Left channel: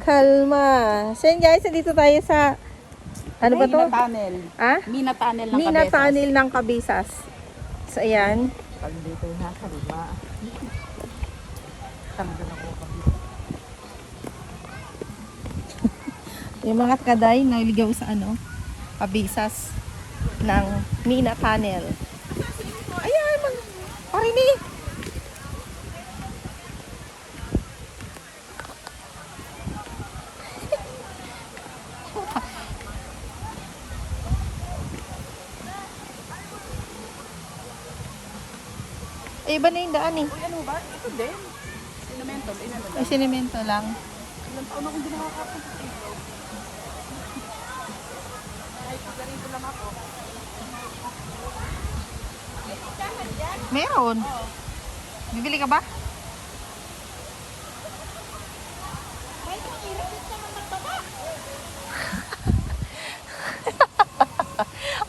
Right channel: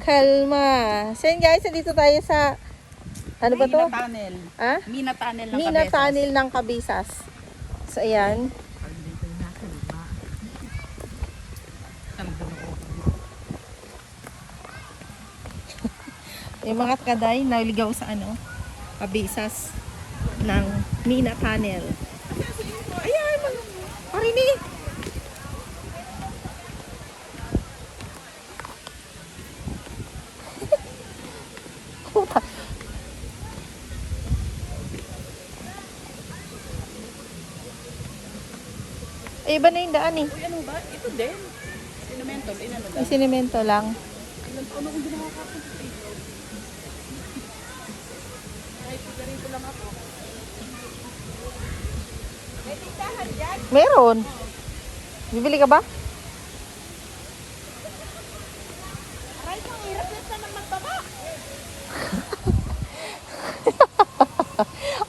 Kalma. So yun guys, dito tayo sa ano ba to? Mina Tunnel. Ah? Mina Tunnel ng Mina Cabezas. Tunnel ng Cabezas. So ayan. Pag dito na, kalma. Yung mga kaday na ligaw sa ano, Cabezas ng Mina Tunnel. Ayan, parinig. Ay, iba na yung daan eh. Uy, ano ba? Ito din. Sinemento. Ay, sinemento lang. Ilang taon akong hindi nakakapunta dito. Kahit pagarito lang ako. Meron. Bibili ka ba?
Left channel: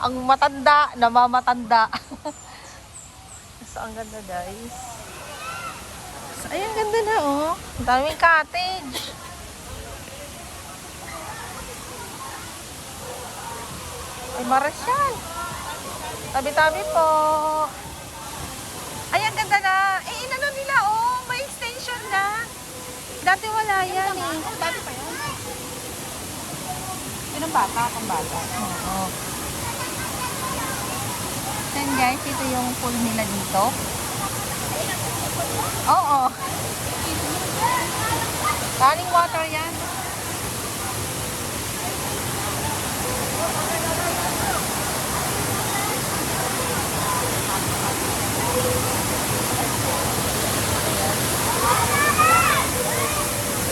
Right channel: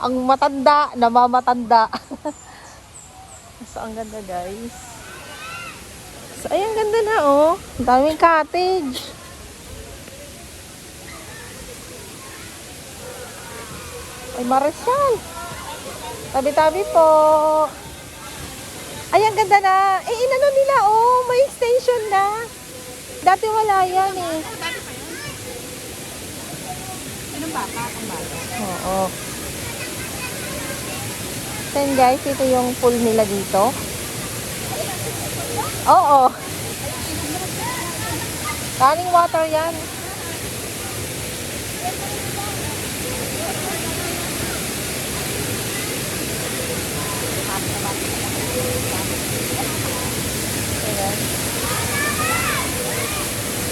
Ang matanda, namamatanda. So, ang ganda guys. So, ay, ang ganda na oh. Ang daming cottage. Marshall. Tabi-tabi po. Ay, ang ganda na. Eh, inano nila oh. May station na. Dati wala yan eh. Oh, dati pa yan. Yan ang bata, ang bata. Oo. Then guys, ito yung pool nila dito. Oo. Running water yan.